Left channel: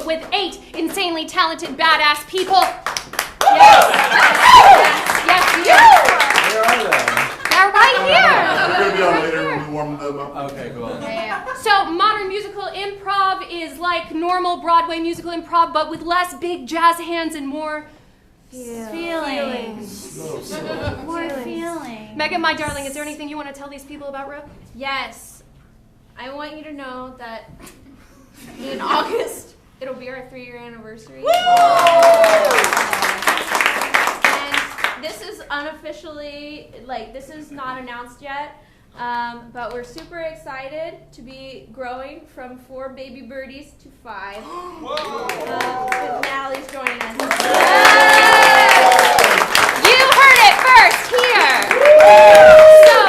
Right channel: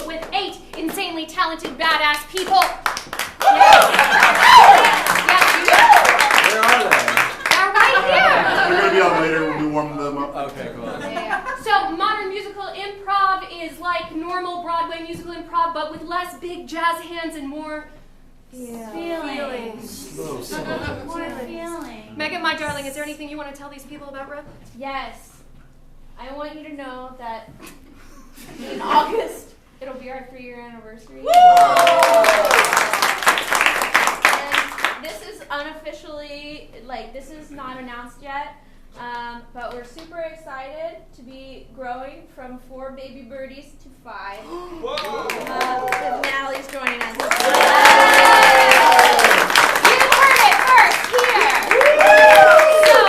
but with 8 insanely talented, badass people. Yes. Yes. Where are they? They're right here. We're going to be on later when we warm them up. Okay, cool. So modern musical improv is like normal Broadway musical improv, but with less big jazz hands and more feelings. More feelings. Megan, my darling, is there anything you want to tell these people about ROOK? Yes. I want you to know that in August, it'll be our 3-year anniversary. And this is unofficially, this is not announced yet, but we're super excited to be growing from 4 baby birdies to 5. With Natalie's joining us. You heard it first here. So,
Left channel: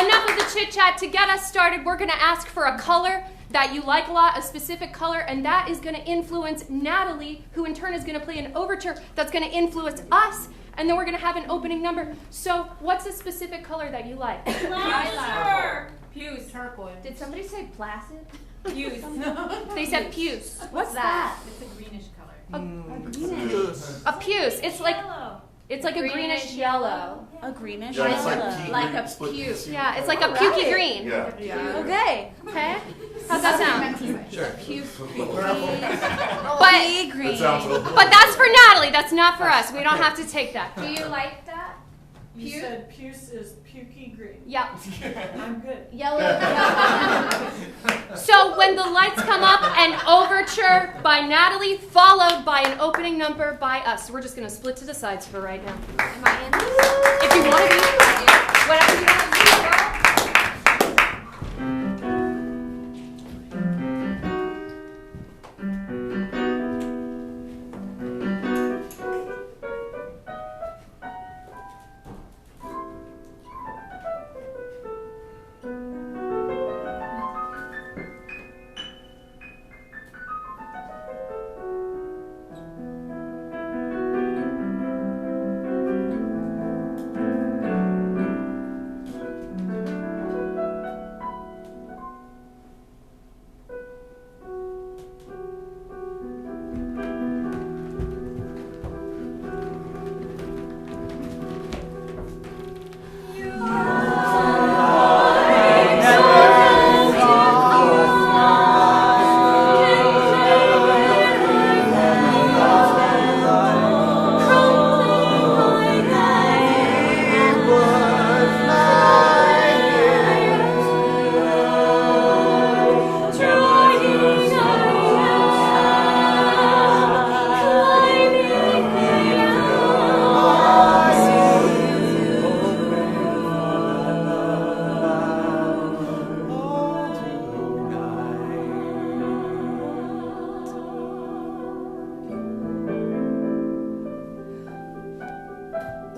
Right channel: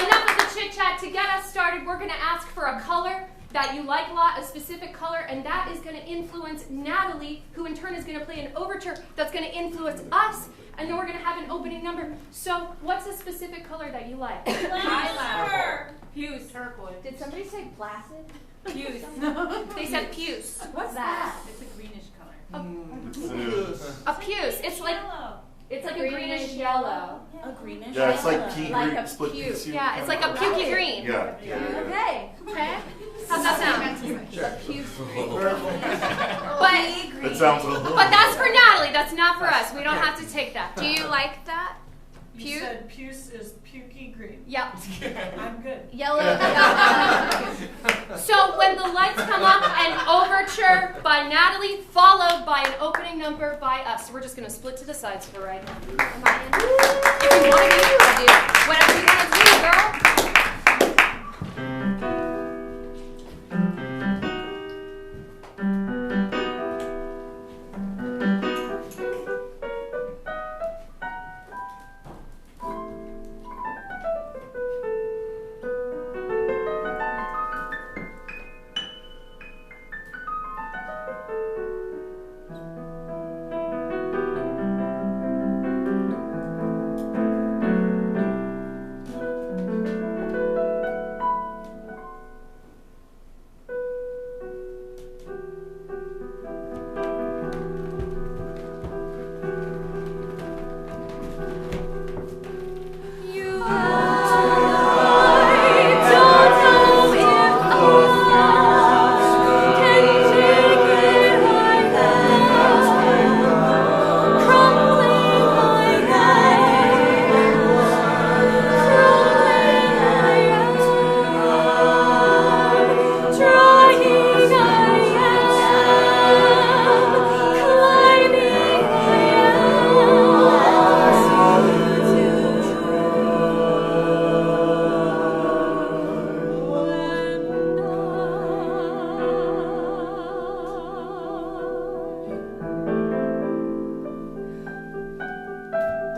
enough of the chit chat. To get us started, we're going to ask for a color that you like a lot, a specific color, and that is going to influence Natalie, who in turn is going to play an overture that's going to influence us, and then we're going to have an opening number. So, what's a specific color that you like? Lilac. Puce. Turquoise. Did somebody say placid? Puce. They said puce. What's that? It's a greenish color. A puce. It's like Yellow. it's like a greenish yellow. A greenish Yeah, it's yellow. like pea Like green a split puce. with Yeah, it's like a pukey green. Yeah. Okay. Okay. How's that sound? Sure. But That sounds a little. But that's for Natalie. That's not for us. We don't have to take that. Do you like that? You said puce is pukey green. Yeah. I'm good. Yellow. So when the lights come up, an overture by Natalie, followed by an opening number by us. So we're just going to split to the sides for right now. Am I in? If you want to be, I do. Whatever you want to do, girl.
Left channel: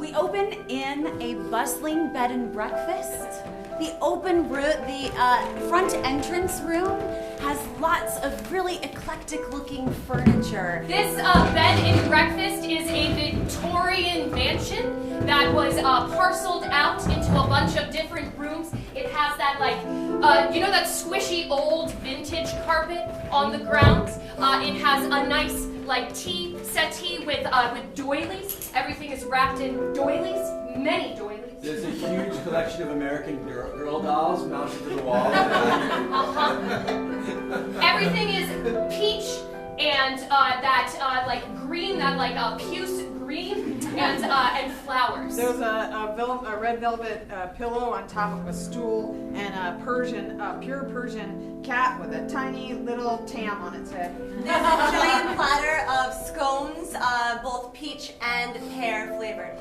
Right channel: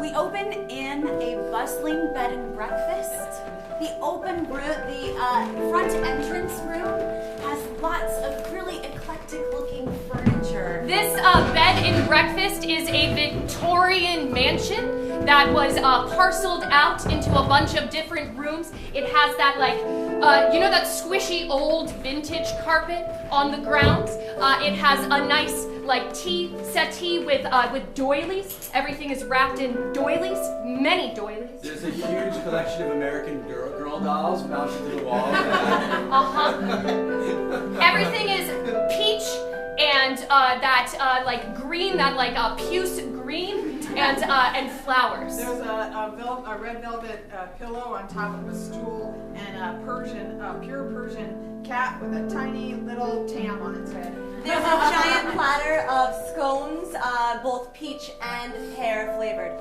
We open in a bustling bed and breakfast. The open room, the front entrance room has lots of really eclectic looking furniture. This bed and breakfast is a Victorian mansion that was parceled out into a bunch of different rooms. It has that that squishy old vintage carpet on the grounds. It has a nice tea settee with doilies. Everything is wrapped in doilies, many doilies. There's a huge collection of American girl dolls mounted to the wall. Everything is peach and that green, that puce green, and flowers. There's a red velvet pillow on top of a stool and a pure Persian cat with a tiny little tam on its head. There's a giant platter of scones, both peach and pear flavored.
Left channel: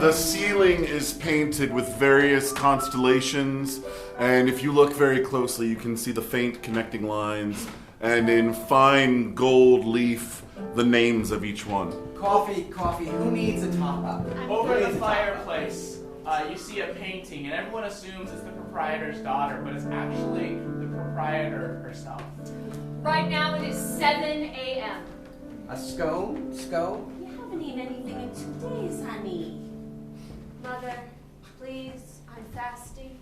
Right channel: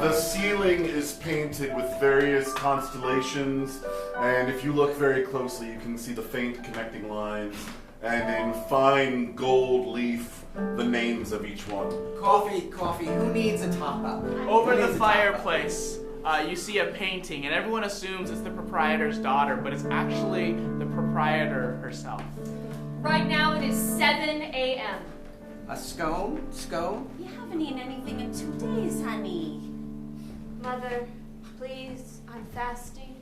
The ceiling is painted with various constellations, and if you look very closely, you can see the faint connecting lines, and in fine gold leaf, the names of each one. Coffee. Who needs a top up? Over the fireplace, you see a painting, and everyone assumes it's the proprietor's daughter, but it's actually the proprietor herself. Right now it is 7 a.m. A scone? You haven't eaten anything in 2 days, honey. Mother, please, I'm fasting.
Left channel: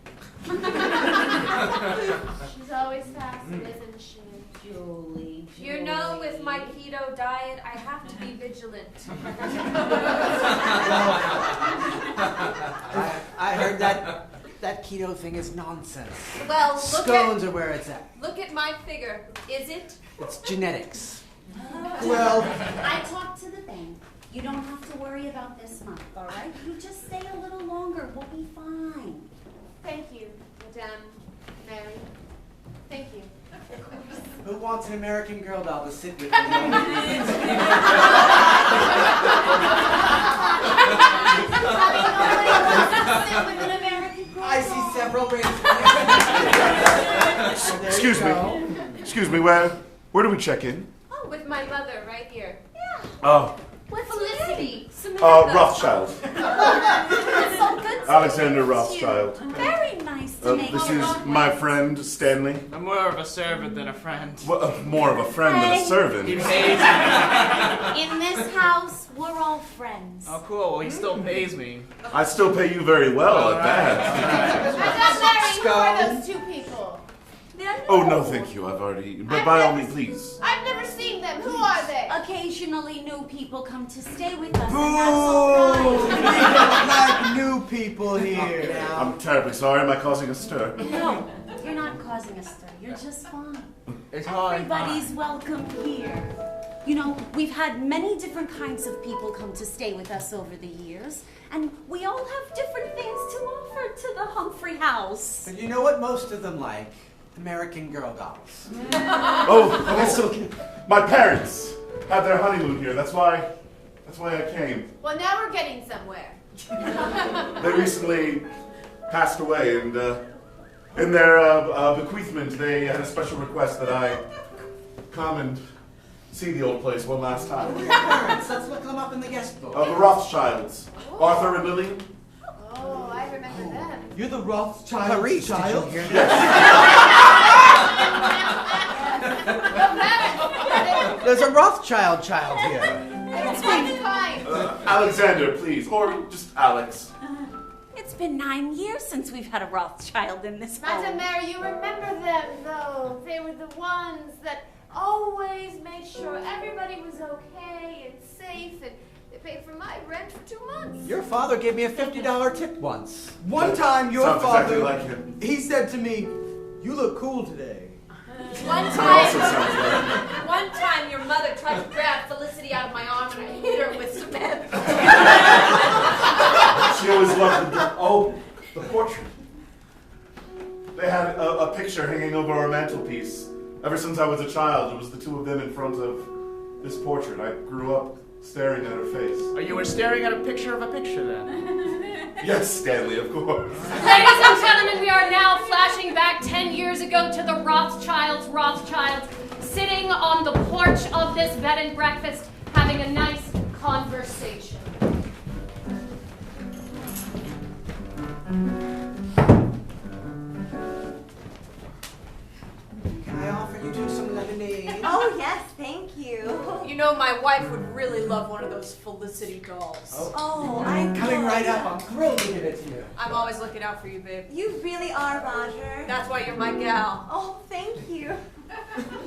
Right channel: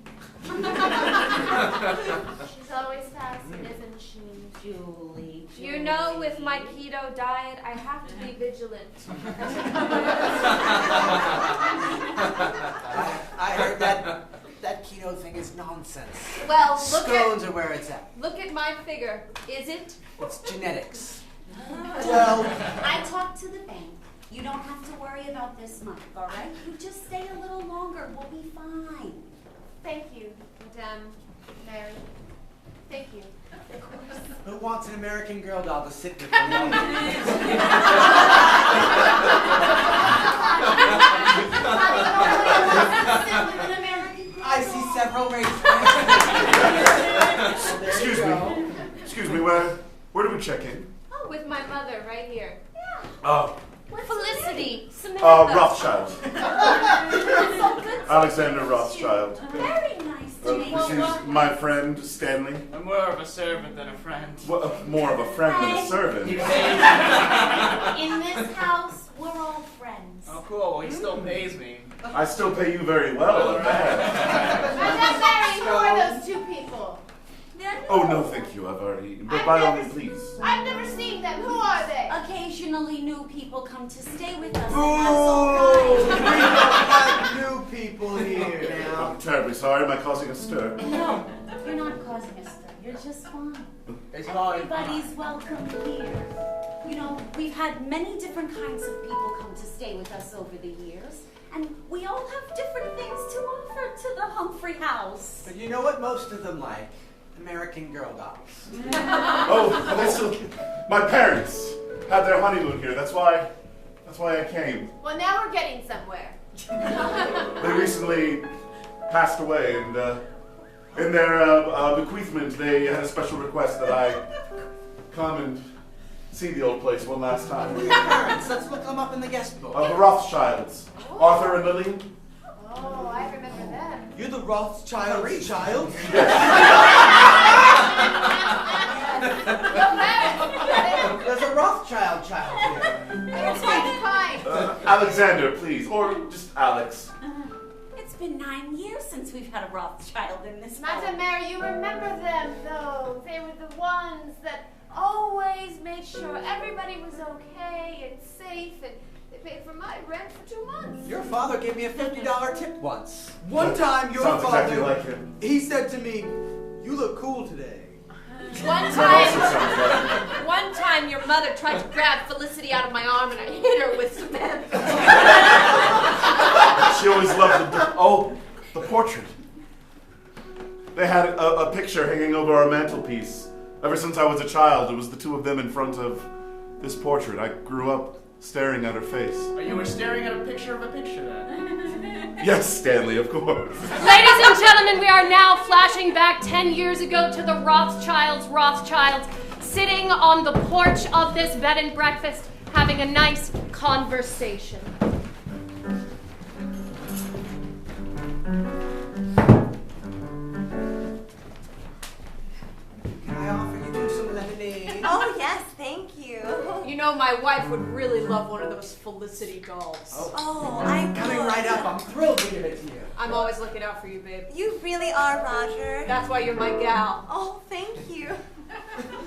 She's always fasting, isn't she? Julie. You know, with With my keto diet, I have to be vigilant. I heard that keto thing is nonsense. Well, Scones are where it's at. look at my figure. Is it? It's genetics. Well, I talked to the bank. You don't have to worry about this month, all right? You just stay a little longer. We'll be fine. Thank you, Madame Mary. Thank you. Who wants an American Girl doll to sit with them? I see several reasons. Excuse me, where do we check in? Oh, with my mother right here. Oh, What's Felicity? Rothschild. It's so good to Alexander meet you. Rothschild. Very nice to meet This you. is my friend, Stanley. I'm more of a servant than a friend. Well, more of a friend than a servant. He pays me. In this house, we're all friends. Oh, cool. Well, he still pays me. I still pay you very well at that. Madame Mary, who are those two people? Oh, no, thank you. I've already eaten. But by all means, please. I've never seen them. Who are they? Occasionally, new people come to stay with us. Boo! And We don't like new people here. I'm terribly sorry. Am I causing a stir? no, you're not causing a stir. You're just fine. It's hard. Everybody's welcome here. You know, we've had many different kinds of people come to stay with us over the years, and we all have different things to offer to the Humphrey house. And you know what most of them like? American Girl dolls. Oh, I still. My parents had their honeymoon here. That's why I came. Well, now we're getting somewhere. They recently passed away, and in their bequeathment, they had a special request that I come and see the old place one last time. Your parents, let's look them up in the guest book. The Rothschilds, Arthur and Lillian. Oh, I remember them. You're the Rothschild's child? There's a Rothschild child here. That's kind. Alexander, please, or just Alex. It's been 9 years since we've had a Rothschild in this Madame home. Mary, you remember them, though. They were the ones that always made sure everybody was okay and safe, and they paid for my rent for 2 months. Your father gave me a $50 tip once. One time, your Sounds father, exactly like him. he said to me, "You look cool today." One Also time, sounds like him. one time, your mother tried to grab Felicity out of my arm, and I hit her with cement. She always loved the portrait. They had a picture hanging over our mantelpiece. Ever since I was a child, it was the two of them in front of this portrait. I grew up staring at her face. Oh, you were staring at a picture of a picture then? Yes, Stanley, of course. Ladies and gentlemen, we are now flashing back 10 years ago to the Rothschilds, sitting on the porch of this bed and breakfast, having a nice conversation. Can I offer you two some lemonade? Oh, yes, thank you. You know, my wife would really love one of those Felicity dolls. Oh, I'm Coming right up. I'm thrilled to give it to you. I'm always looking out for you, babe. You really are, Roger. That's why you're my gal. Oh, thank you.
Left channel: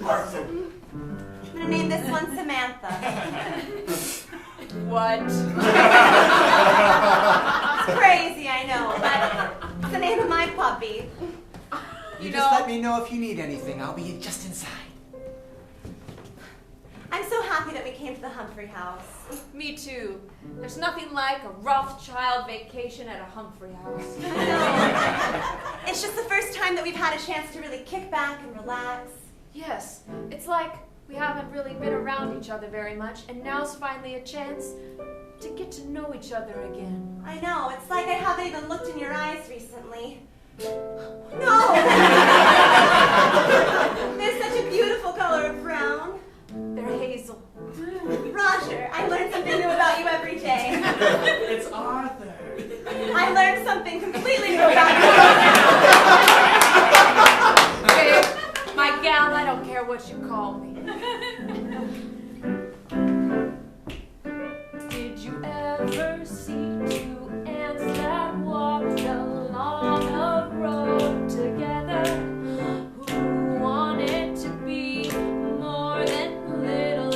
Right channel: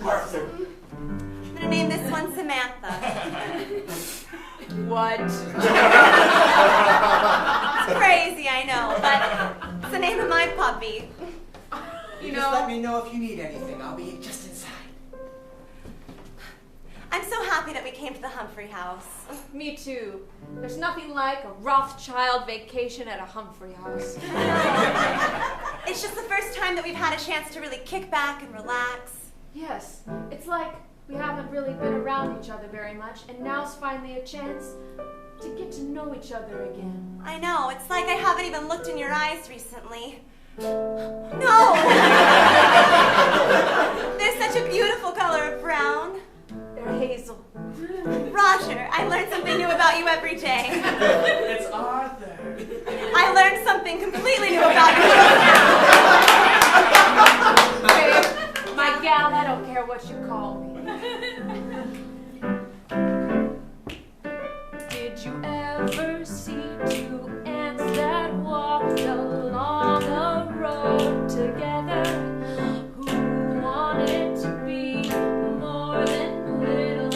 Arthur. I'm gonna name this one Samantha. What? It's crazy, I know, but it's the name of my puppy. You just let me know if you need anything. I'll be just inside. I'm so happy that we came to the Humphrey house. Me too. There's nothing like a Rothschild vacation at a Humphrey house. It's just the first time that we've had a chance to really kick back and relax. Yes, it's like we haven't really been around each other very much, and now's finally a chance to get to know each other again. I know, it's like I haven't even looked in your eyes recently. No! They're such a beautiful color of brown. They're hazel. Roger, I learn something new about you every day. It's Arthur. I learned something completely new about you now. Babe, my gal, I don't care what you call me. Did you ever see two ants that walked along a road together, who wanted to be more than little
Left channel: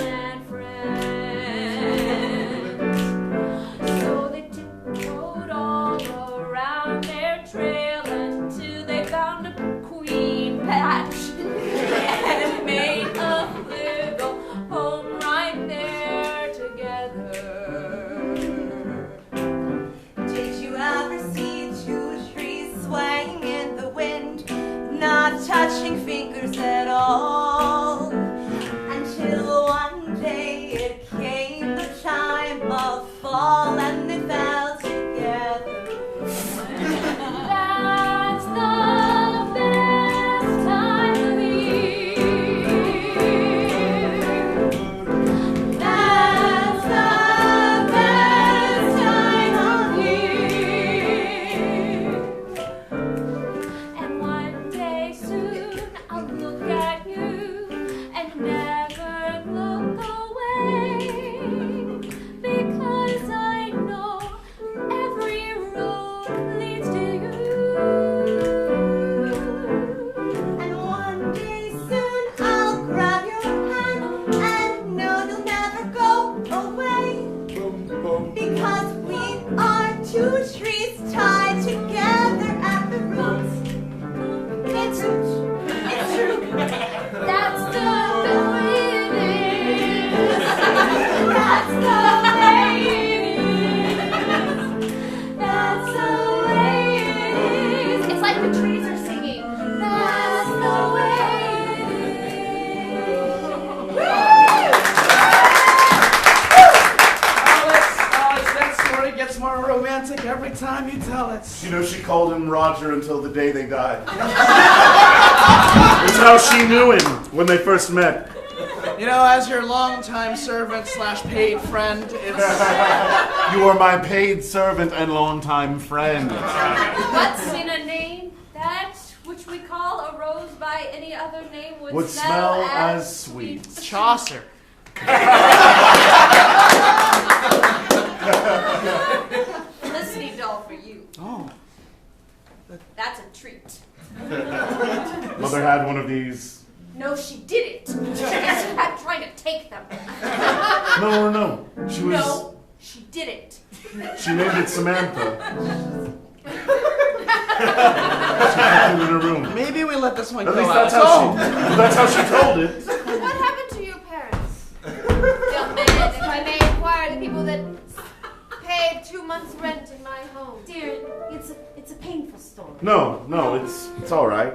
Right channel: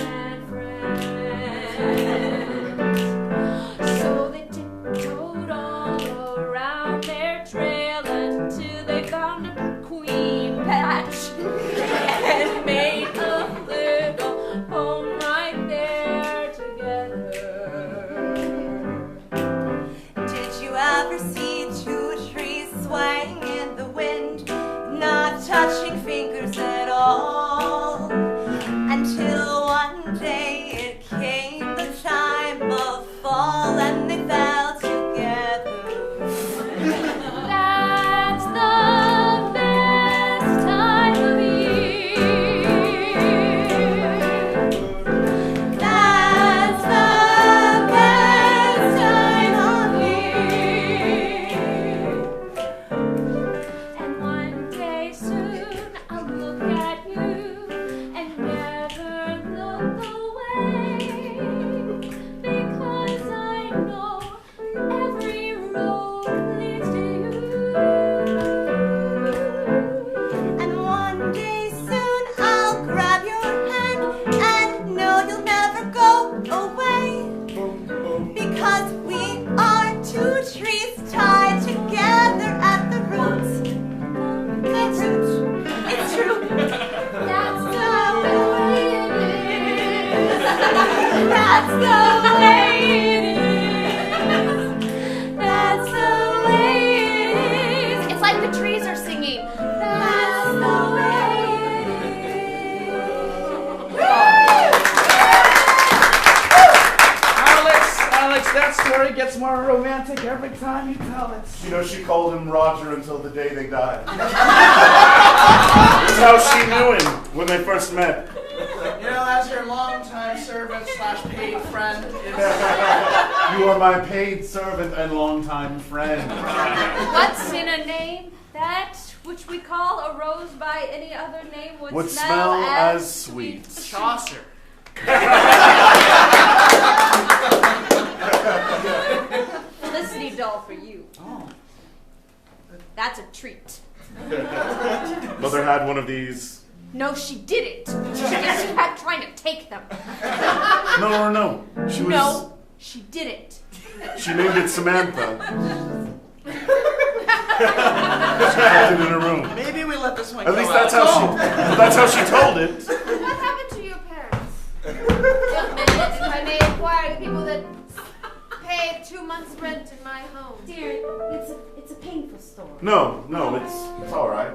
every time you tell it. You know, she called him Roger until the day they died. It's how she knew him when they first met. You know, as your longtime servant / paid friend, You are my paid servant and longtime friend. What's in a name that which we call a rose by any other name would smell as sweet. Chaucer. Felicity doll for you. Oh. That's a treat. Mother had one of these. No, she didn't. She just kept trying to take them. No. She was. No, she didn't. She named it Samantha. She kept it in her room. Maybe we let this one At go least out. that's how she told it. What happened to your parents? Young man, if I may inquire, the people that paid 2 months' rent in my home. Dear, it's a painful story. No, it's all right.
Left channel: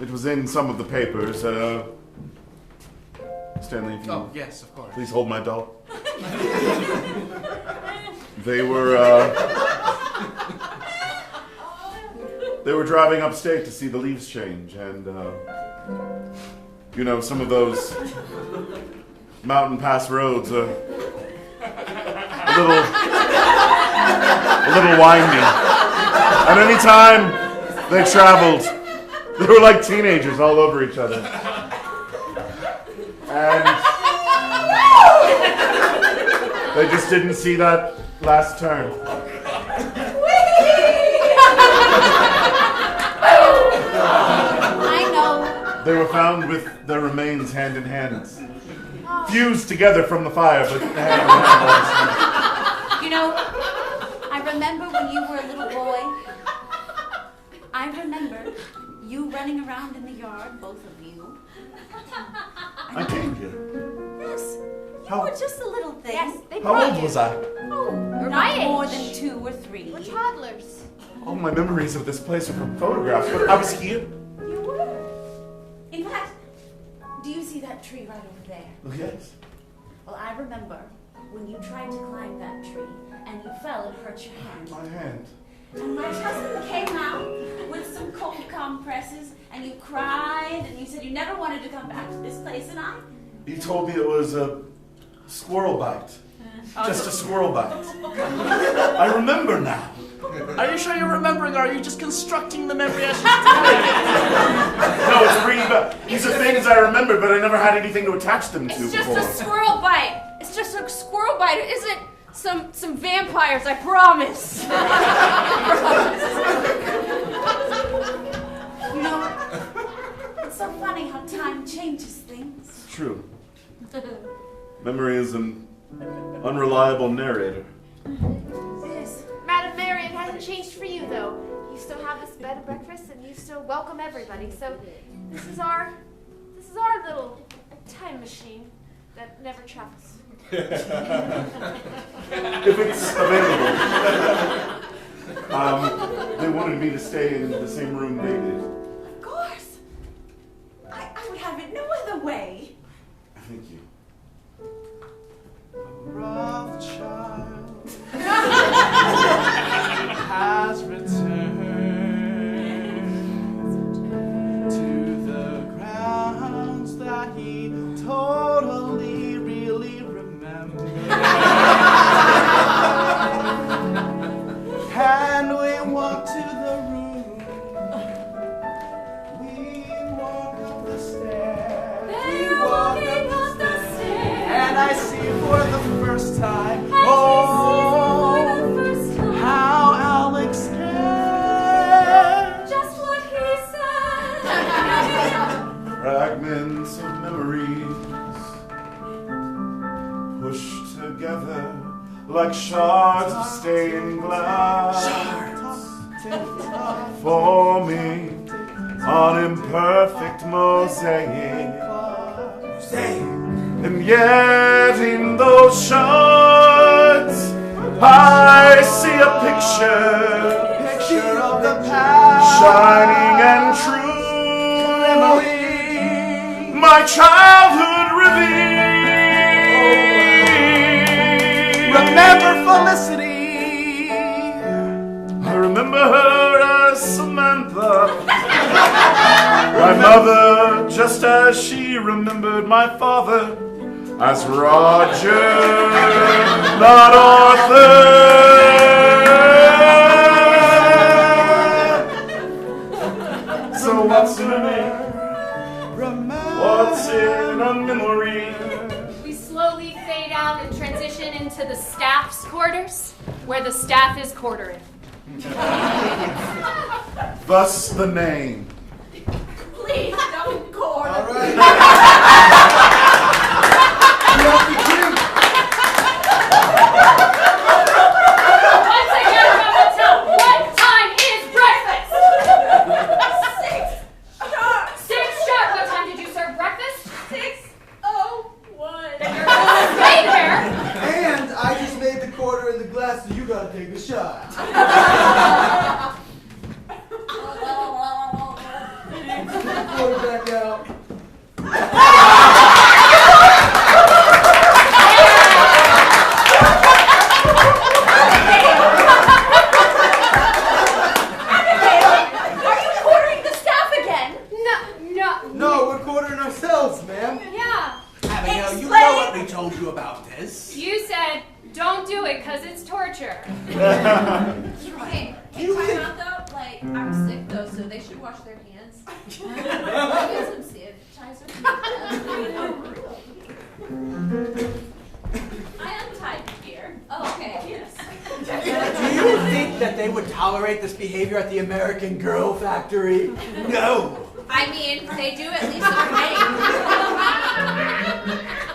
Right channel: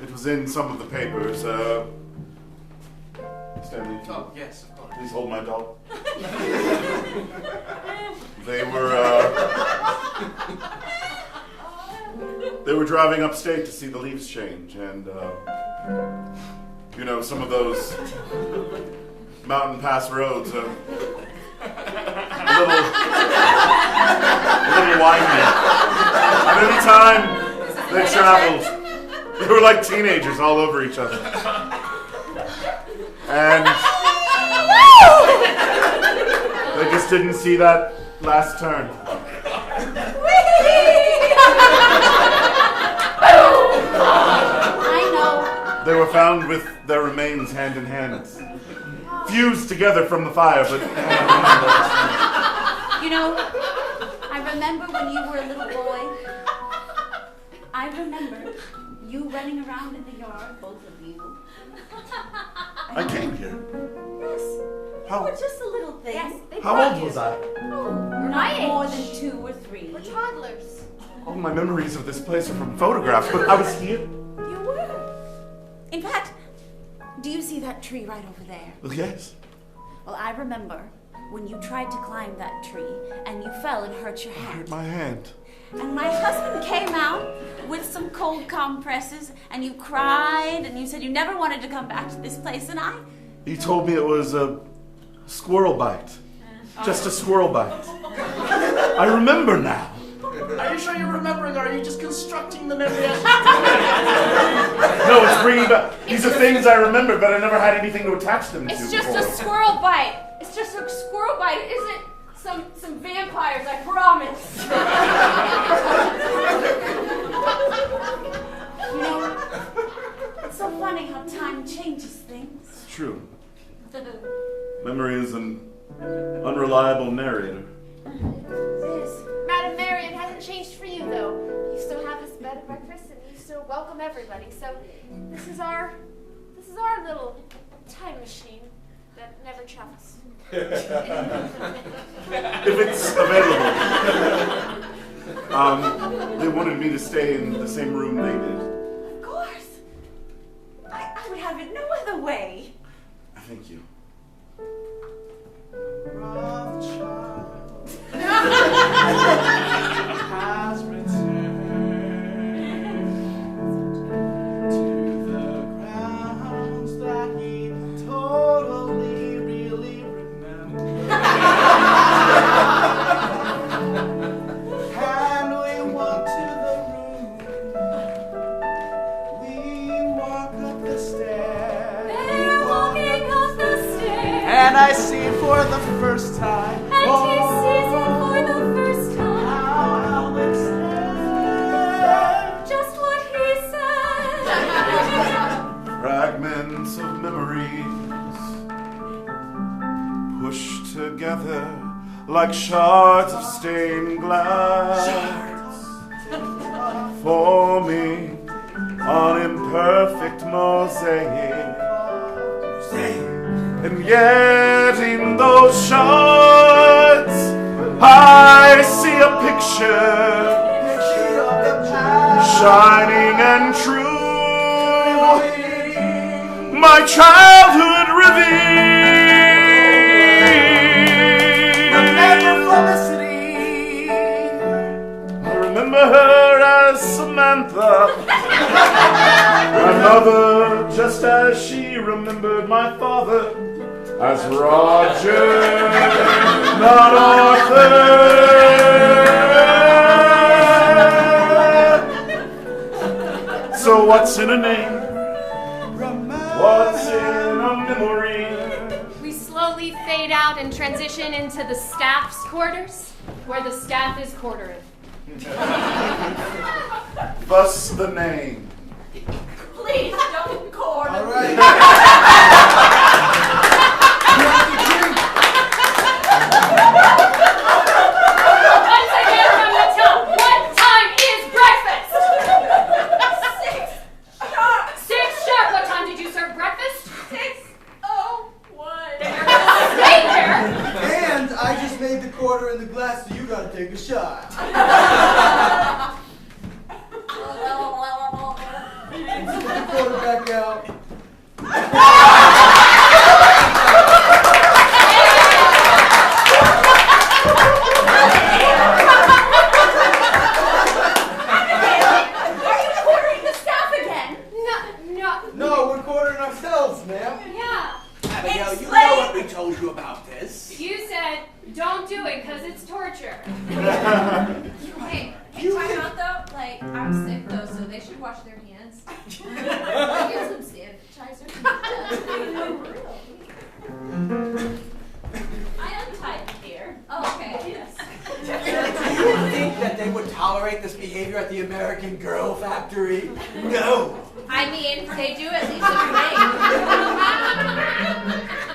It was in some of the papers. Stanley, if you Oh, yes, of course. please hold my doll. They were driving upstate to see the leaves change, and you know, some of those mountain pass roads are a little windy. And any time they traveled, they were like teenagers all over each other. And they just didn't see that last turn. I know. They were found with their remains hand in hand. Fused together from the fire, but hand in hand. You know, I remember when you were a little boy. I remember you running around in the yard, both of you. I came here. Yes. You How- were just a little thing. Yes, they How brought old you. was I? Oh, my not more age. than 2 or 3. We're toddlers. All my memories of this place are from photographs, but I was here. You were. In fact, do you see that tree right over there? Well, yes. Well, I remember when you tried to climb that tree and you fell and hurt your hand. My hand. And my husband came out with some cold compresses and you cried and you said you never wanted to come back to this place, and He told me it was a squirrel bite. Just a squirrel bite. I remember now. Are you sure you're remembering, or are you just constructing the memory as No, it's really bad. These are things I remember, but I never had anything to attach them to It's just before. a squirrel bite. It's just a squirrel bite. It isn't some vampires, I promise. you know, it's so funny how time changes things. It's true. Memory is an unreliable narrator. It is. Madam Mary, it hasn't changed for you, though. You still have this bed of breakfast, and you still welcome everybody. So this is our little time machine that never travels. If it's available. They wanted me to stay in the same room they did. Of course. I would have it no other way. Thank you. Rothschild has returned to the grounds that he totally really remembered. And we walk to the room. We walk up the stairs. They're walking up the stairs. And I see for the first time. How Alex said Just what he said. Fragments of memories pushed together like shards of stained glass, forming an imperfect mosaic. And yet in those shards I see a picture of the past. shining and true, my childhood revealed. Remember Felicity. remember her as Samantha, my mother, just as she remembered my father as Roger, not Arthur. So what's in a name? What's in a memory? We slowly fade out and transition into the staff's quarters, where the staff is quartering. Thus the name. Please don't quarter. All right. Once again from the top, what time is breakfast? 6 sharp. What time did you serve breakfast? 6:01. Then you're gonna stay there. And I just made the quarter in the glass, so you gotta take a shot. Put the quarter back out. Are you quartering the staff again? No. No, we're quartering ourselves, ma'am. Yeah. Abigail, you know what we told you about this. You said don't do it because it's torture. Hey, time out though. Like, I'm sick though, so they should wash their hands. Get some sanitizer. I untied here. Oh, okay. Yes. Do you think that they would tolerate this behavior at the American Girl Factory? No. I mean, they do at least Frank.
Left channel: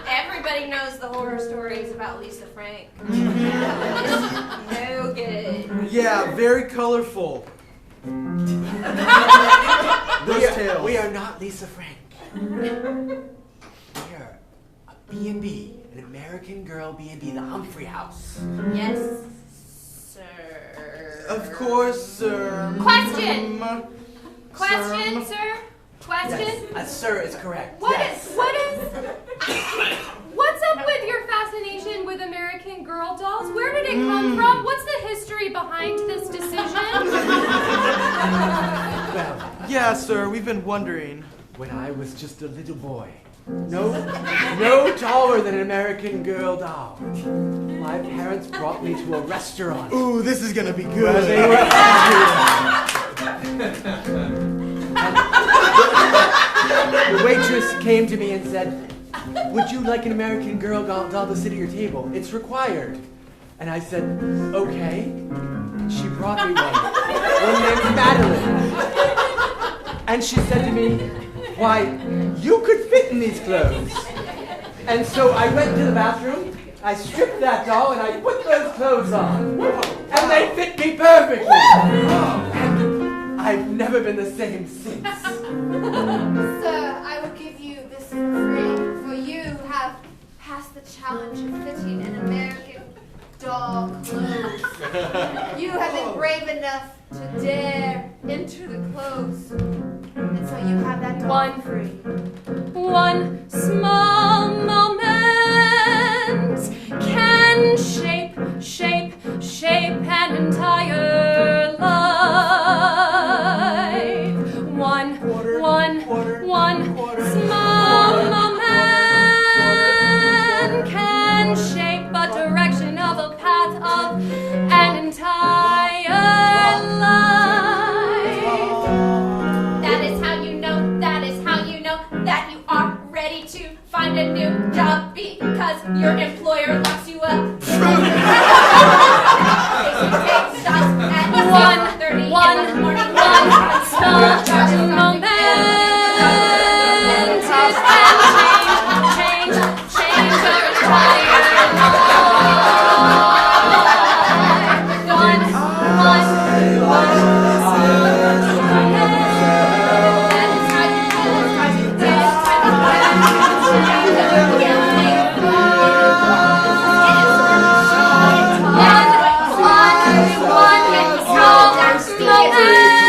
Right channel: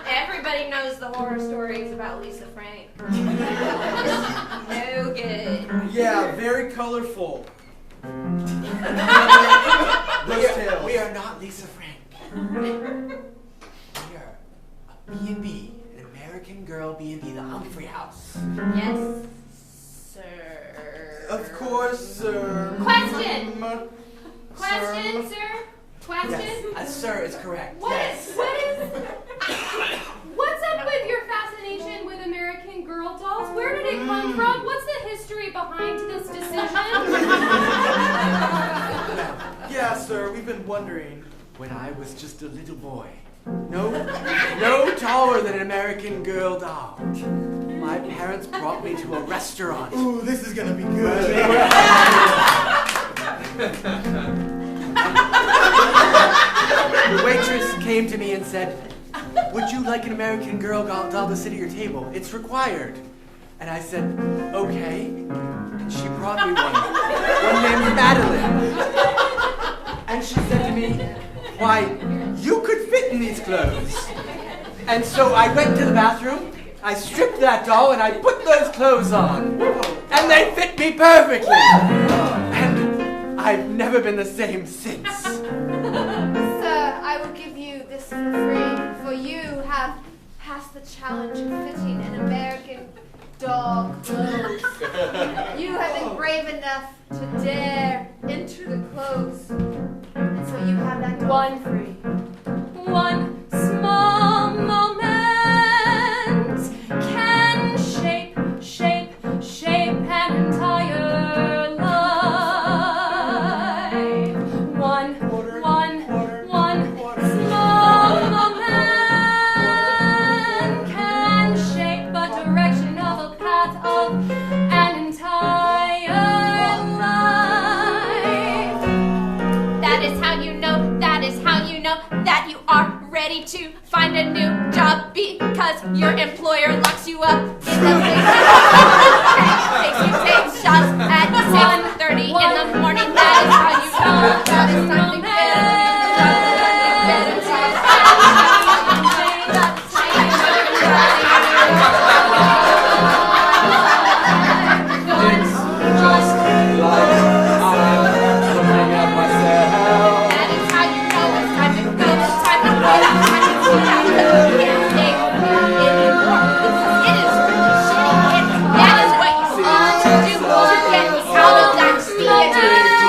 Everybody knows the horror stories about Lisa Frank. No good. Yeah, very colorful. We are not Lisa Frank. We are a B&B, an American Girl B&B, the Humphrey House. Yes, sir. Of course, sir. Question, Sir. sir? Question? Yes, sir is correct. What's up with your fascination with American Girl dolls? Where did it come from? What's the history behind this decision? Yeah, sir, we've been wondering. When I was just a little boy, no taller than an American Girl doll, my parents brought me to a restaurant. Ooh, this is gonna be Where good. they were The waitress came to me and said, "Would you like an American Girl doll to sit at your table? It's required." And I said, "Okay." She brought me one named Madeline. And she said to me, "Why, you could fit in these clothes." And so I went to the bathroom, I stripped that doll, and I put those clothes on. And they fit me perfectly. And I've never been the same since. Sir, I will give you this for free, for you have passed the challenge of fitting an American doll clothes. You have been brave enough to dare enter the clothes, and so you have that doll for free. One small moment can shape an entire life. One small moment can shape a direction of a path of an entire life. That is how you know that you are ready to find a new job because your employer locks you up. Makes you take shots at 6:30 in the morning. That is how you know that is something Everyone,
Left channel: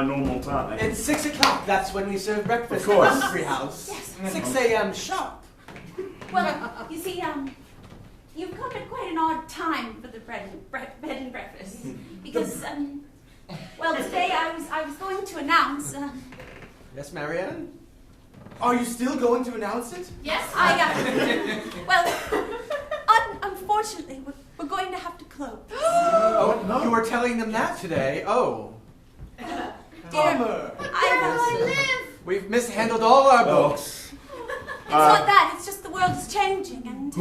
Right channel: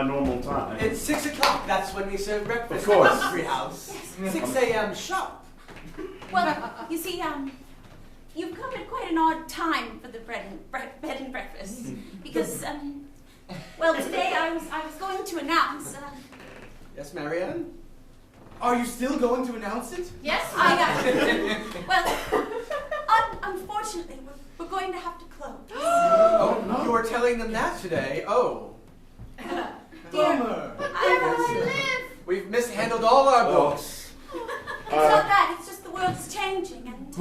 my normal time. It's 6 o'clock. That's when we serve breakfast. Of course. At Humphrey House. 6 a.m. sharp. Well, you see, you've come at quite an odd time for the bed and breakfast. Because, well, today I was going to announce, Yes, Marianne? Are you still going to announce it? Yes? well, unfortunately, we're going to have to close. Oh, no. You are telling them that today? Oh. Dear, We've mishandled all our books. It's not that, it's just the world is changing and...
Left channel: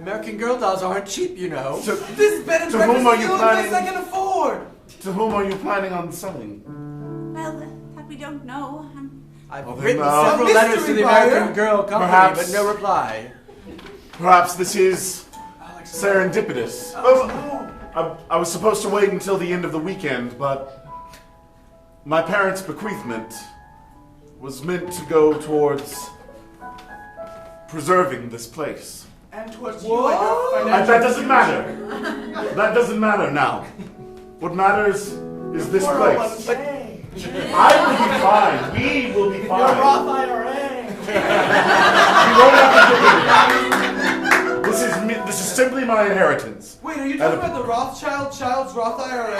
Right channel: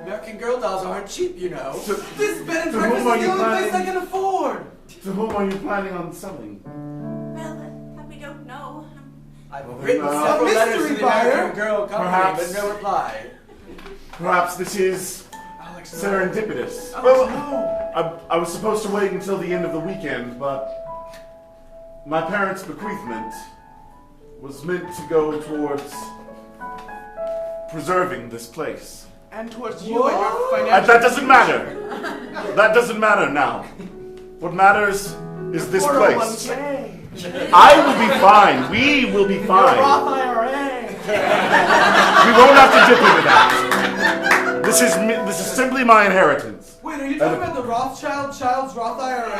American Girl dolls aren't cheap, you know. This bed and to whom are breakfast is you the only place I planning? can afford. To whom are you planning on selling? Well, that we don't know. I've Well, then, written several letters to the American Girl company, Perhaps- but no reply. Perhaps this is serendipitous. I was supposed to wait until the end of the weekend, but my parents' bequeathment was meant to go towards preserving this place. And towards you and your financial That doesn't matter. That doesn't matter now. What matters is this place. I will be fine. We will be fine. Roth IRA. We won't have to dip into that. This is simply my inheritance. Wait, are you talking about the Child's Roth IRA?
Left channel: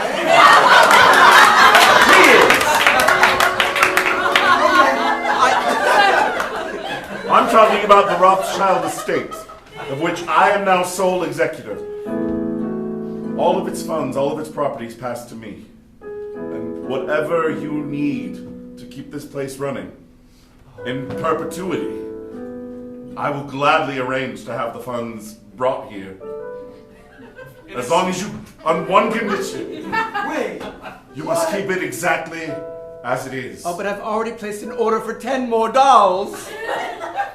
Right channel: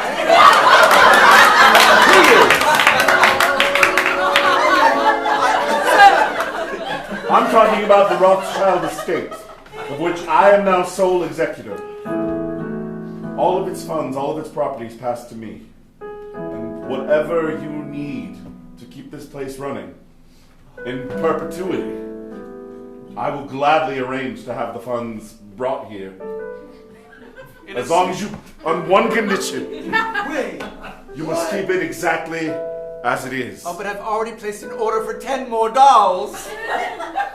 I'm talking about the Rothschild estate, of which I am now sole executor. All of its funds, all of its properties pass to me. And whatever you need to keep this place running in perpetuity, I will gladly arrange to have the funds brought here. As long as you, on one condition, you must keep it exactly as it is. Oh, but I've already placed an order for 10 more dolls.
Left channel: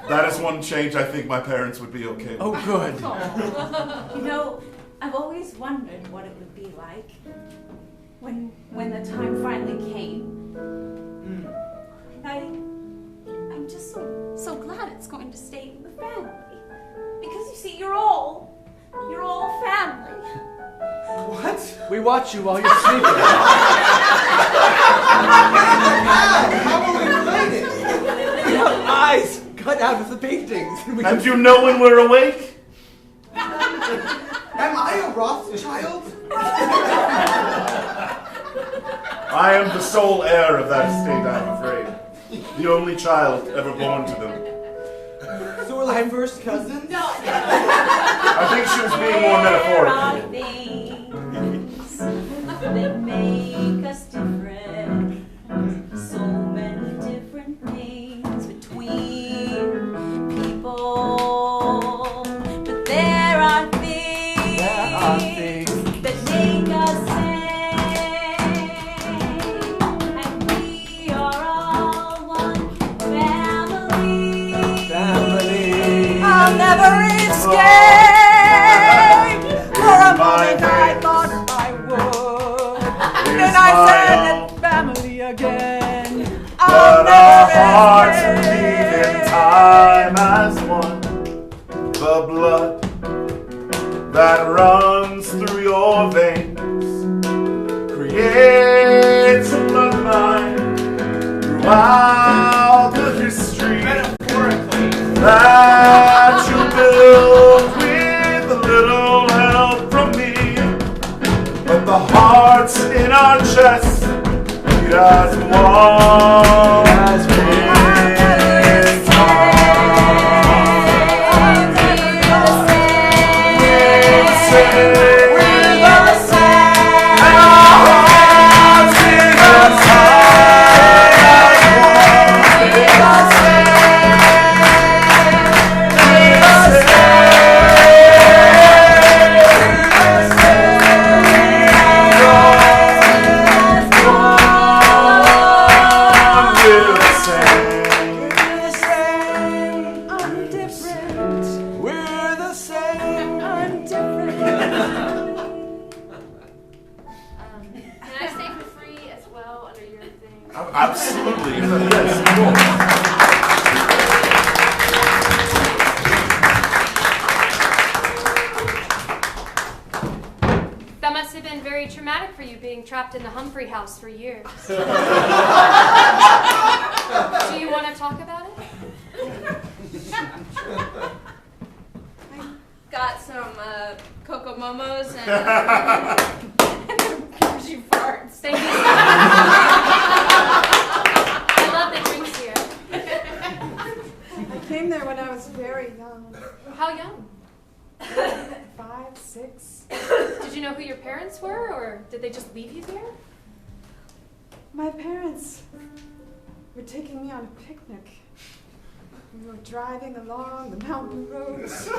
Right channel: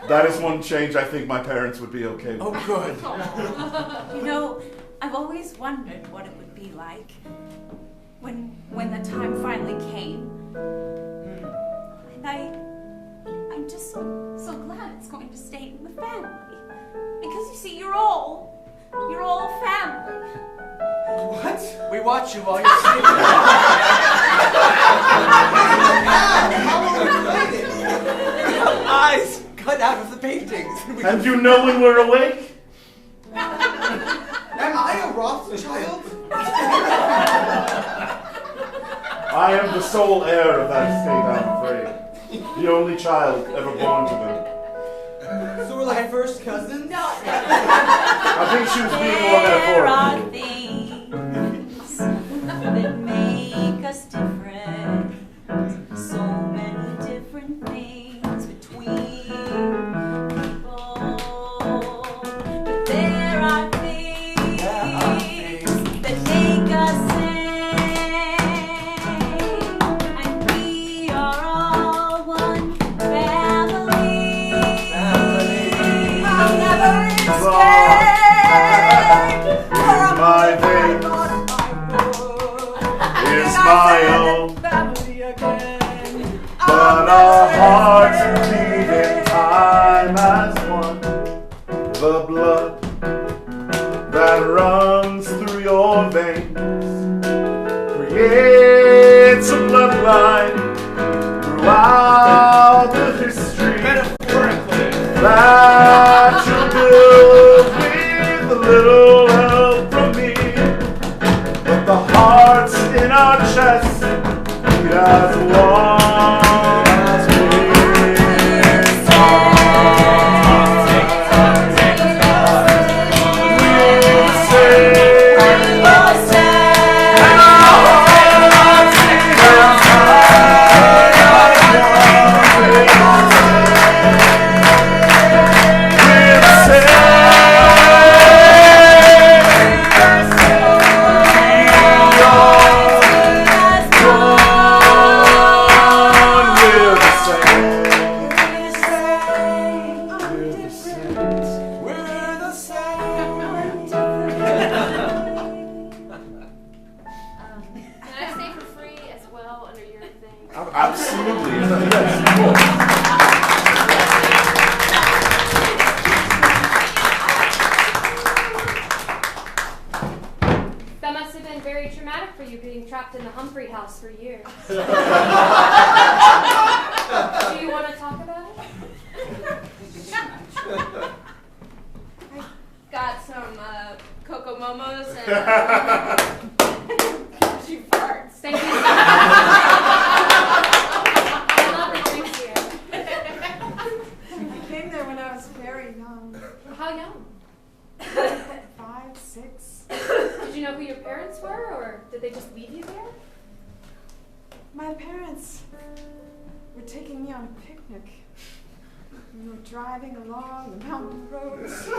That is one change I think my parents would be okay with. Oh, good. You know, I've always wondered what it would be like when the time finally came. And I'm just so glad it's going to stay in the family. Because you see, you're all family. What? We watch you while you're sleeping. Eyes cut out of the paintings. And you know when we're awake? Am I a Rothschild? I am the sole heir of that estate, I'm afraid. The only child ever born to them. So we're like first cousins? No. I think she was being more metaphorical. Things that make us different. So many different things between people. But there are things that make us sing. And we are all one family. I'll never escape from My I thought I would. Is Then I my said own. it's family again. But our hearts beat in time as one. The blood that runs through your veins creates a bloodline throughout the history that you build with a little help from me. But the hearts in our chests beat as one as we Absolutely. Yes, of That must have been very traumatic for you being trapped in the Humphrey house for years. Do you want to talk about it? Got some Coco Momos and she farts. Thank you. I love the drinks here. I came there when I was very young. How young? 5, 6. Did you know who your parents were, or did they just leave you there? My parents were taking me on a picnic. We were driving along the mountain roads.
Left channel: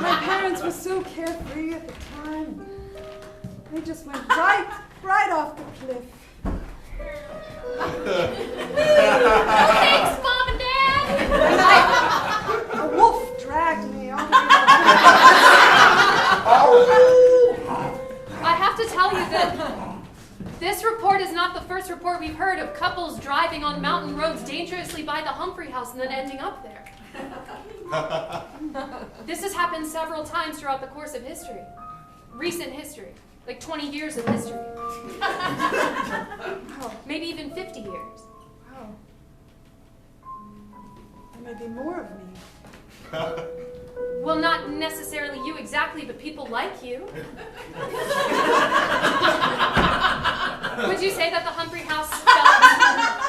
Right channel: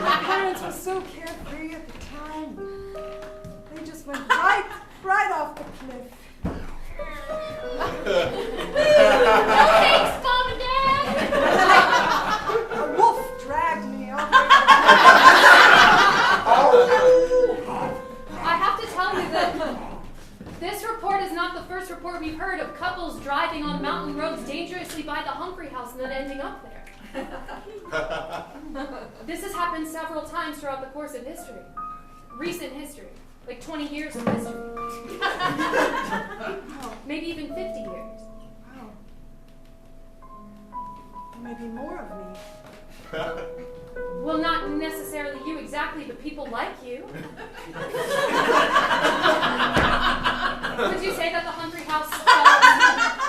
My parents were so carefree at the time. They just went right off the cliff. Thanks, Mom and Dad! A wolf dragged me over. I have to tell you that this report is not the first report we've heard of couples driving on mountain roads dangerously by the Humphrey house and then ending up there. This has happened several times throughout the course of history. Recent history. Like 20 years of history. Maybe even 50 years. Wow. There may be more of me. Well, not necessarily you exactly, but people like you. Would you say that the Humphrey house felt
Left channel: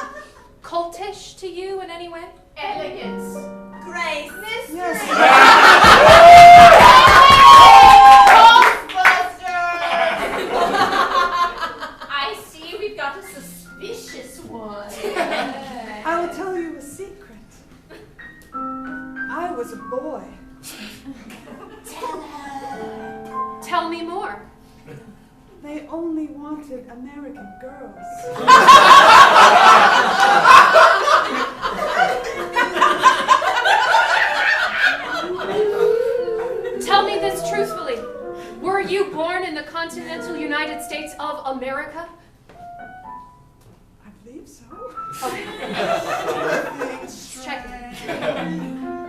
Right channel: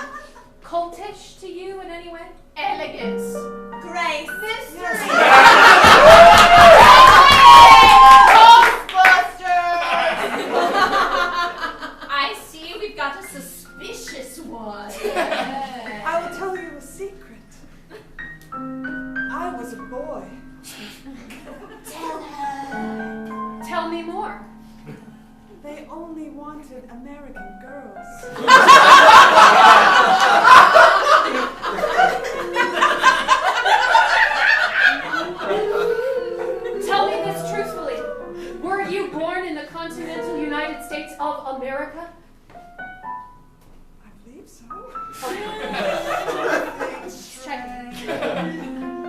cultish to you in any way? Elegance. Grace. Yes. I see we've got a suspicious one. I will tell you a secret. I was a boy. Tell her. Tell me more. They only wanted American girls. Tell me this truthfully. Were you born in the continental United States of America? I believe so. Check.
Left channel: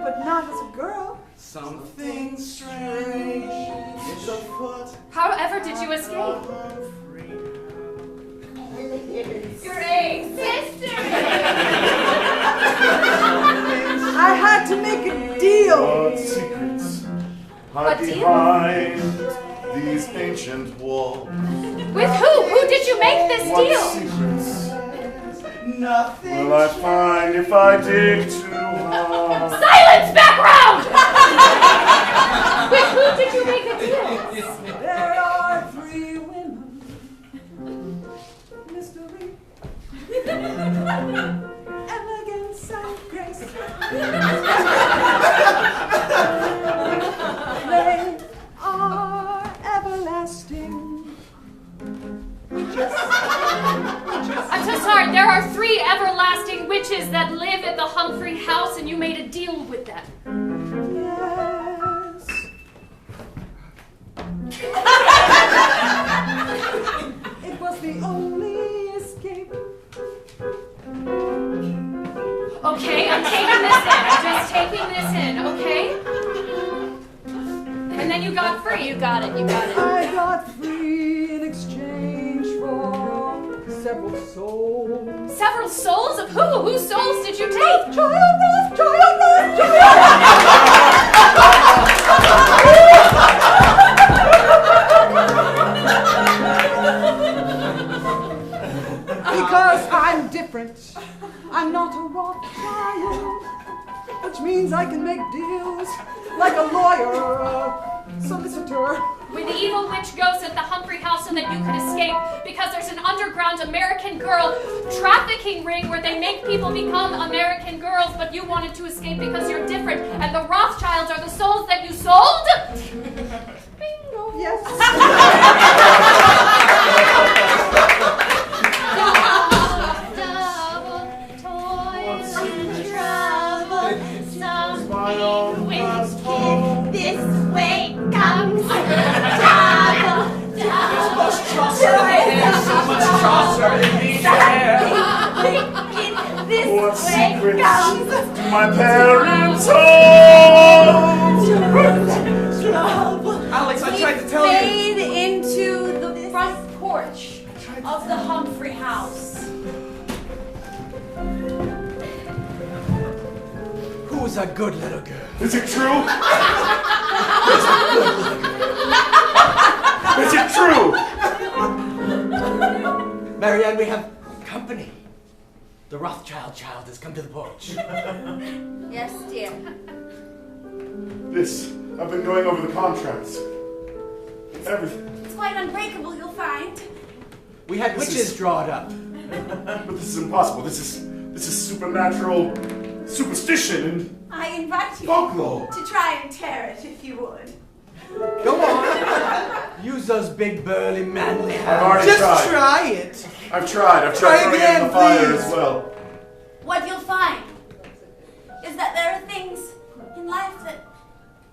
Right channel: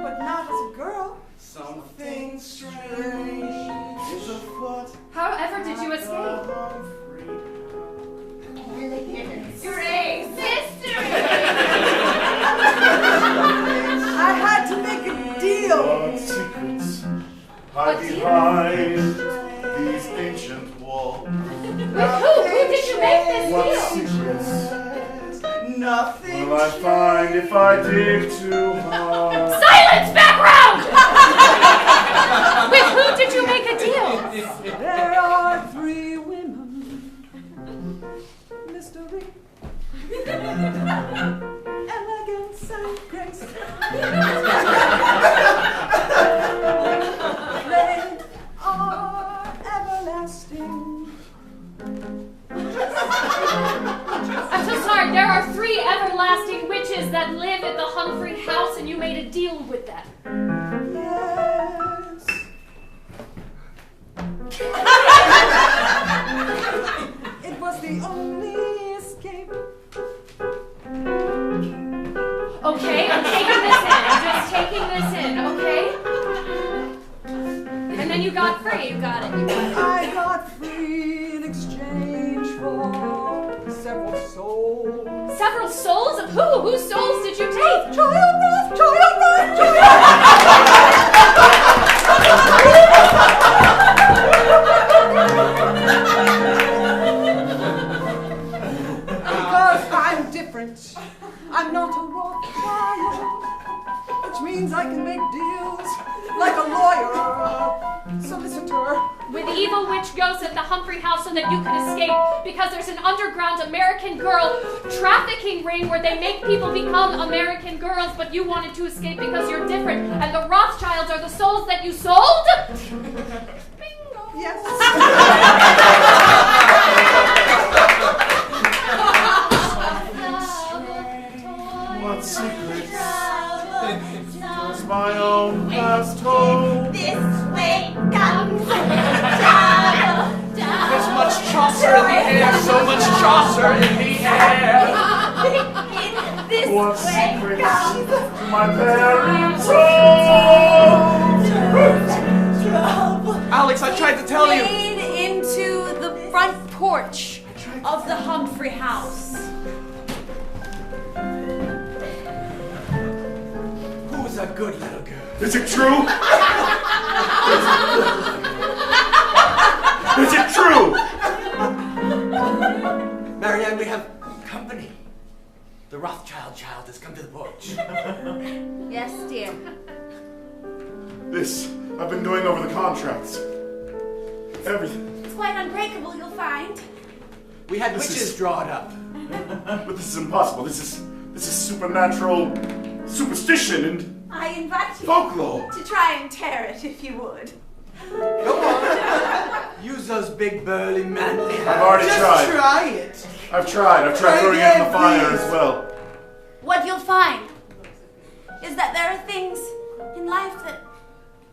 But not as a girl. Something strange is afoot. However did you escape? Great sister. I had to make a deal. What secrets hide A deal? behind these ancient walls? With who? Who did you make this What deal? secrets Nothing. will I find if I dig too hard? Silence, background! With who did you make a deal? There are 3 women. Mystery. Elegance and grace. They are everlasting. I'm so sorry, there are 3 everlasting witches that live at the Humphrey house and you made a deal with them. Yes. It was the only escape. Okay, I'm taking this in. I'm just taking this in, okay? And then you got free. You got it. You got it. I got free in exchange for several souls. Several souls of who? Whose souls did you take? Children, because I'm different. I'm not a rock child, which means I can make deals like a lawyer, solicitor. When the evil witch goes at the Humphrey house so that you can escape because there's an underground American girl trafficking ring where they make people become American girls, but you wanted to escape because you're different, and the Rothschilds are the souls that you sold? Bingo. Yes. What secrets is my own past home? This way comes There's much Chaucer in the air, so much Chaucer in the air. This What way secrets comes do my parents hold? front porch of the Humphrey house. Who's a good little girl? Is it true? Is it true? Marianne, we have company. The Rothschild child has come to the porch. Yes, dear. I've been going over the contracts. Everything. It's quite unbreakable, you'll find. We had This witches is- draw it up. But this is impossible. This is supernatural superstition and I invite you folklore. to try and tear it if you would. Go on. Use those big, burly, manly hands. I've already Just tried. try it. I've tried Try throwing it in again, the fire please. as well. What you'll find is that there are things in life that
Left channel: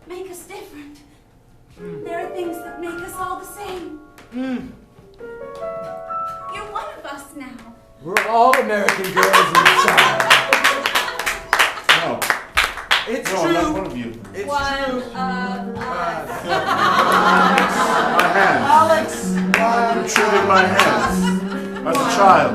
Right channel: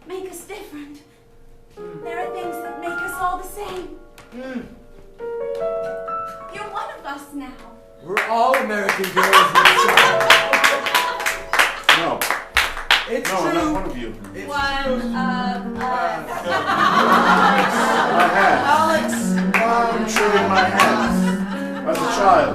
make us different. There are things that make us all the same. You're one of us now. We're all American girls inside. No. It's No, I'm not true. one of you. It's One true. of us. My hands. Alex. You treated my hands as a child.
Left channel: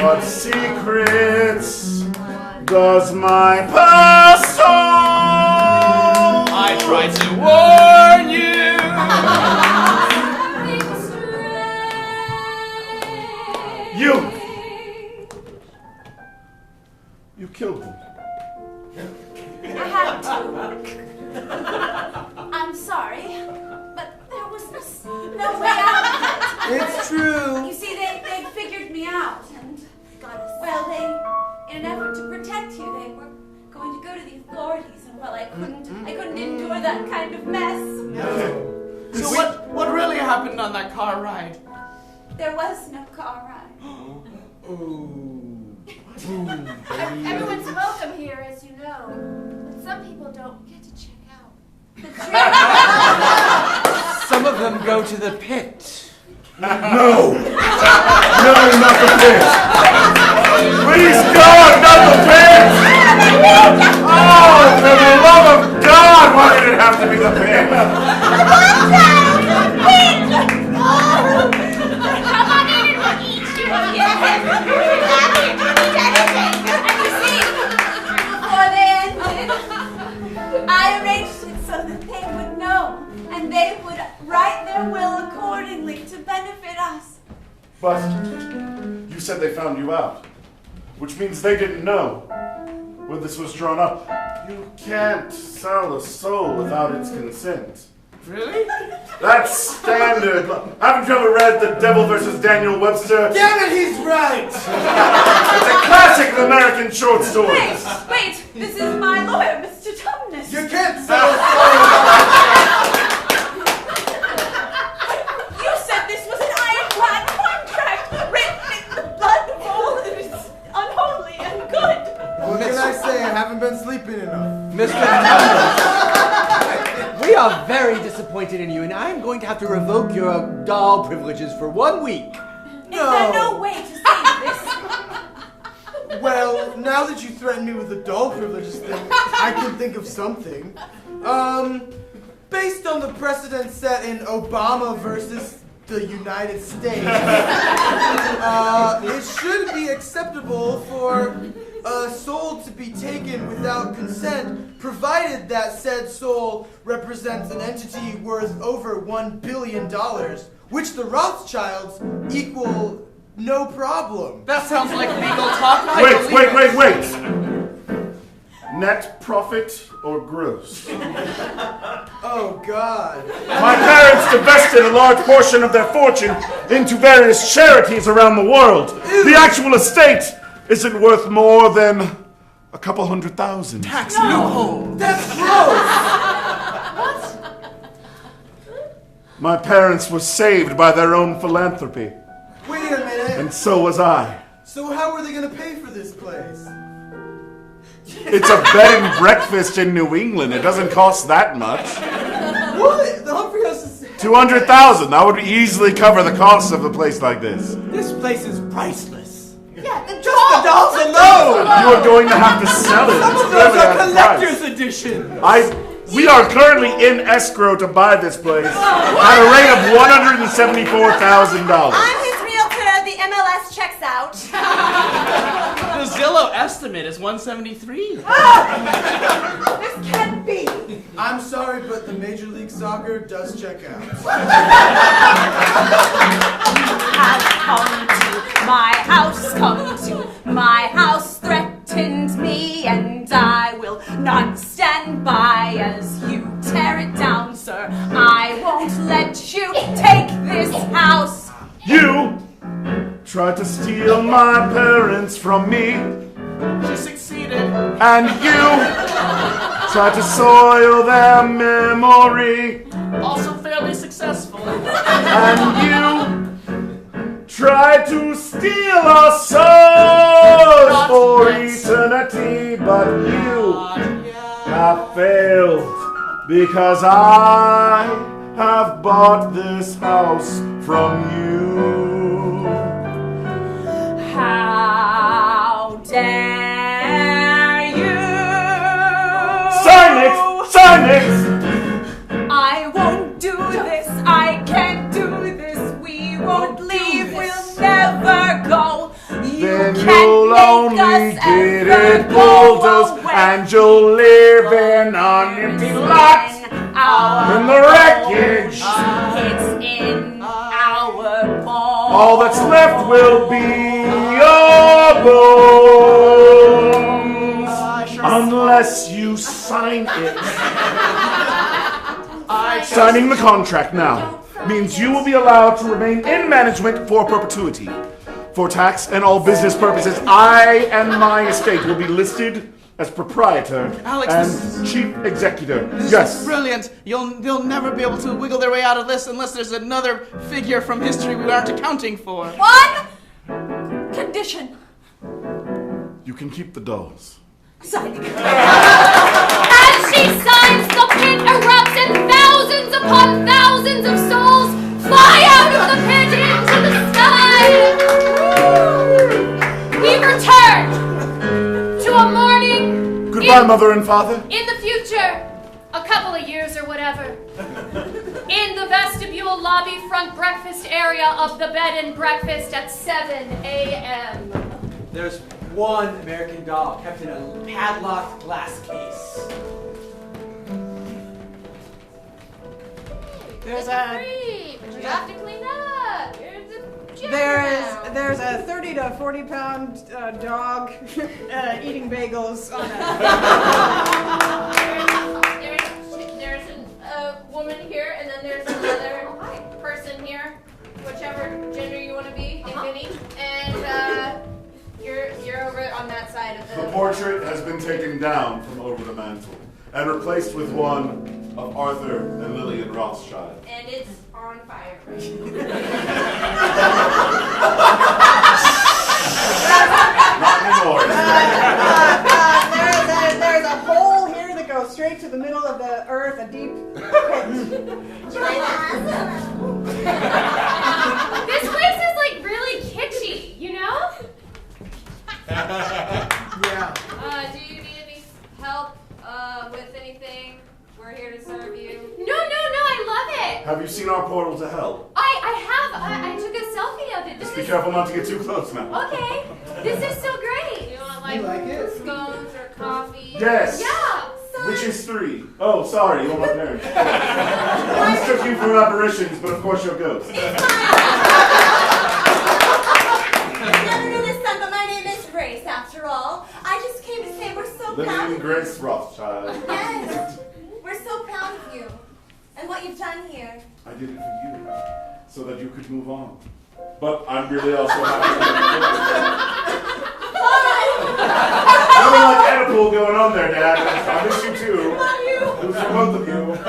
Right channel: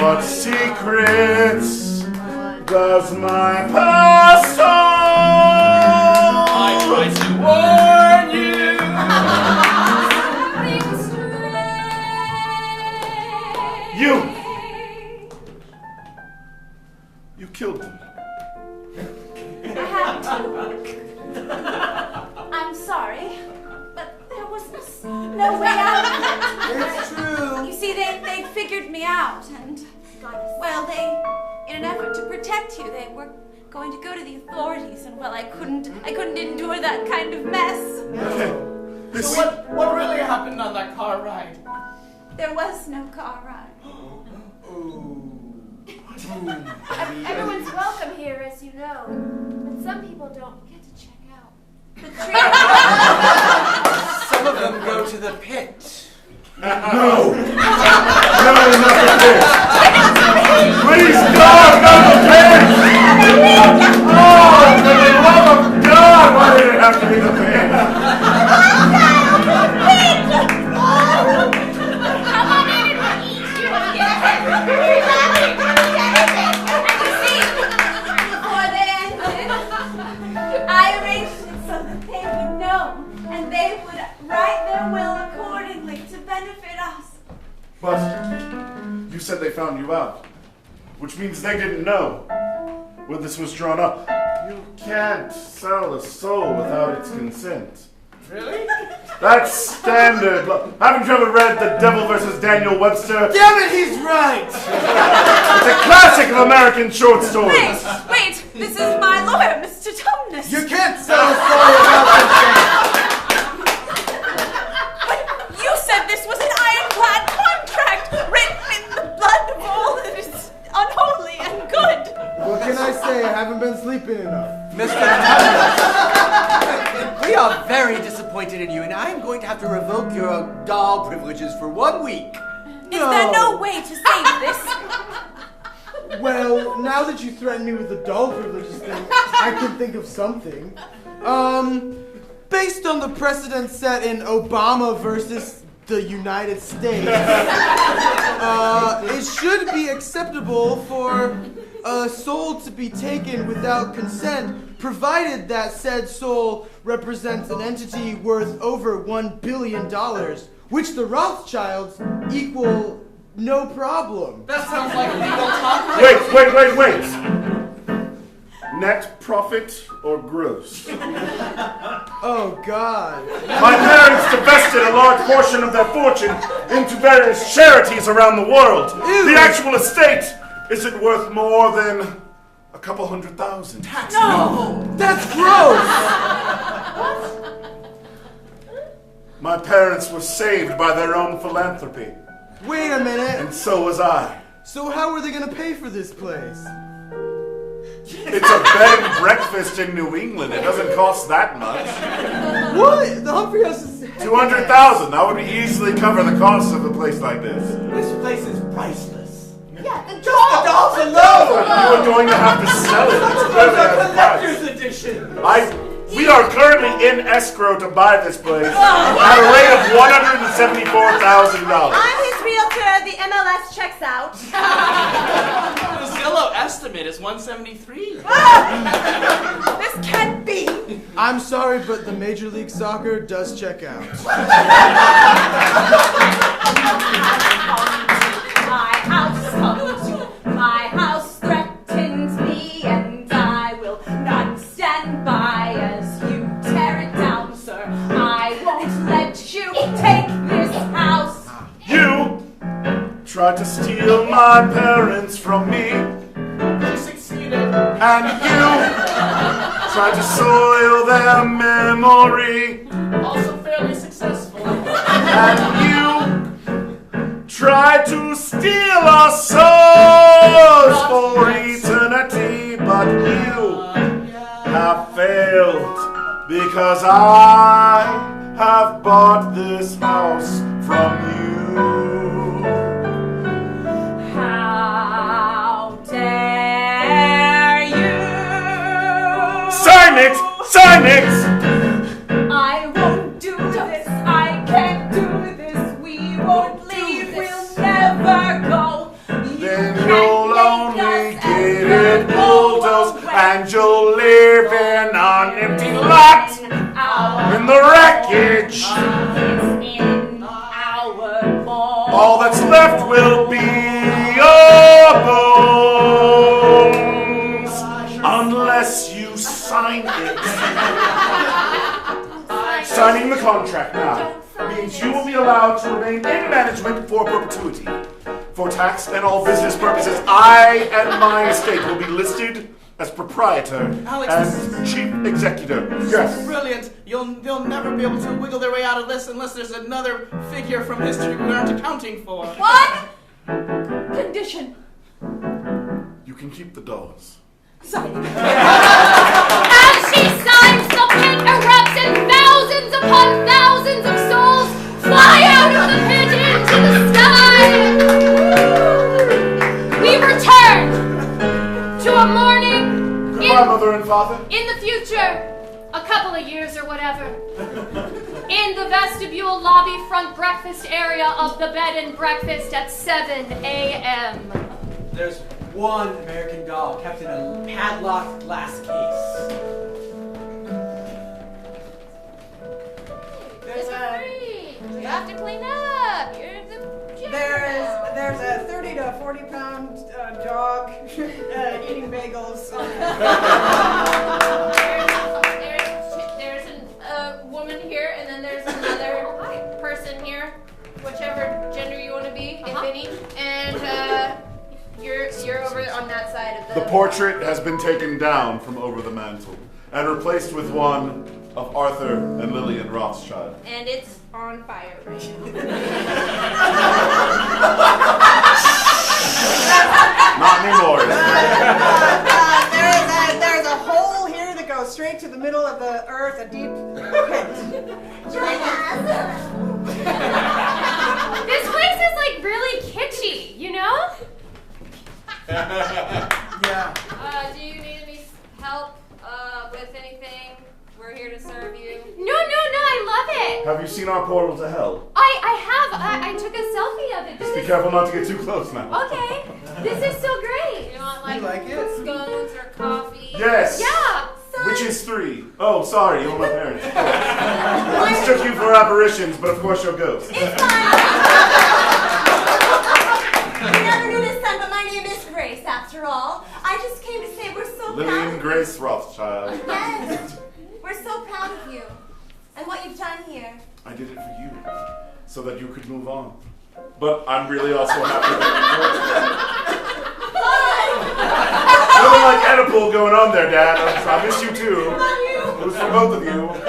What secrets does my past hold? I tried to warn you. You killed them. I had to. I'm sorry, but there was no way out of it. It's true. You see, they figured me out, and well, in an effort to protect you, they were going to go to the authorities, and well, I couldn't endure that kind of mess. So what really happened on that car ride? There was no car ride. Everyone's welcome here, as you know. But some people don't get to check out. Some of them go to the pit. No! No, not the pit! Please, God, not the pit! Oh, for the love of God, why did it have to be the pit? Come on in and we'll eat you. Before they ended, I arranged it so that they would know, and they would write their will accordingly to benefit us. But you said they found you out, which means they didn't know when this was drawn up. You can't sell a soul without its consent. Really? That's standard. Haven't you ever read The Devil versus Daniel Webster? Damn it, he's right! It's a classic of American short stories. Wait, this is my lawyer, Mr. Tumnus. You can't sell a soul without But you said this was an ironclad contract written in the blood of all that is unholy and good. What can I say? I haven't been sleeping enough. Mr. Thomas, we are very disappointed in you, and I'm going to have to revoke your doll privileges for 1 week. Is there no way to save this? Well, now that you threaten me with the doll privileges thing, I can think of something. Based on the precedent set in Obama versus the United States, it should be acceptable for a soul to be taken without consent, provided that said soul represents an entity worth over $1 billion, which the Rothschilds equal no problem. That sounds like legal talk. Wait. Net profit or gross? Oh, God. My parents divested a large portion of their fortune into various charities around the world. The actual estate isn't worth more than a couple $100,000. No! That's gross! My parents were saved by their own philanthropy, Wait a minute. and so was I. So how are they going to pay for this place? It's a bed and breakfast in New England. It doesn't cost that much. What? The Humphrey House is... $200,000. That would easily cover the cost of a place like this. This place is priceless. Yeah, the Just the dolls alone! You are going to have to sell it. Some of those are collector's edition. We are currently in escrow to buy this place at a rate of $174,000. I'm his realtor. The MLS checks out. The Zillow estimate is 173. This can't be. I'm sorry, but the Major League Soccer does check out. My house, come to my house, threatened me, and I will not stand by as you tear it down, sir. I won't let you take this house. You tried to steal my parents from me, You succeeded. and you tried to soil their memory, Also fairly successful. and you tried to steal our souls for eternity, but you have failed because I have bought this house from you. How dare you? Sign it! Sign it! I won't do this. I can't do this. We won't leave. We'll never go. You Then can't you'll make only us get ever it bulldozed, go and you'll live in an empty lot Our in the wreckage. It's in our bones. All that's left will be your bones, unless you sign it. Signing the contract now means you will be allowed to remain in management for perpetuity. For tax and all business purposes, I and my estate will be listed as proprietor Alex, and this chief executive. This Yes. is brilliant. They'll never be able to wiggle their way out of this unless there's another figure from history we aren't accounting for. One condition. You can keep the doors. As she signs, the pit erupts and thousands upon thousands of souls fly out of the pit into the sky. We return to a morning Goodbye, mother and father. in the future, a couple of years or whatever, in the vestibule lobby front breakfast area of the bed and breakfast at 7 a.m. There's one American doll kept in a padlocked glass case. This is free. You have to clean up. You're the gym now. There's a 30 to 40 pound dog eating bagels on There's a woman here, and then there's another person here, whichever gender you want to be, if any. And you're over on that side of The portrait has been taken down from over the mantle and replaced with one of Arthur and Lillian Rothschild. and it's on fire right Not anymore. there's a hole here that goes straight to the middle of the earth, a deep This place is like really kitschy, you know? Yeah. Do you need any help with anything? We're here to serve you. No, I love it. Have you seen our portal to hell? I took a selfie of it. Just be careful not to get too close now. Okay, this is so great. You want You like it? scones or coffee? Yes. Yeah. Which is 3. Oh, sorry, you're my parents. I mistook you for apparitions, but of course you're ghosts. You never knew this son, but my name is Grace, after all. I just came to say we're so proud Lillian of you. Grace Rothschild. Yes, we're so proud of you and what you've done here. I did it for you, so that you could move on. But I'm really also happy that nothing like Oedipal going on there, Dad. I miss you too. It was for both of you. I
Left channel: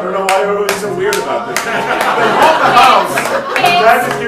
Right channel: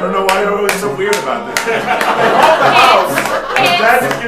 don't know why everyone's so weird about this. They bought the house. Dad didn't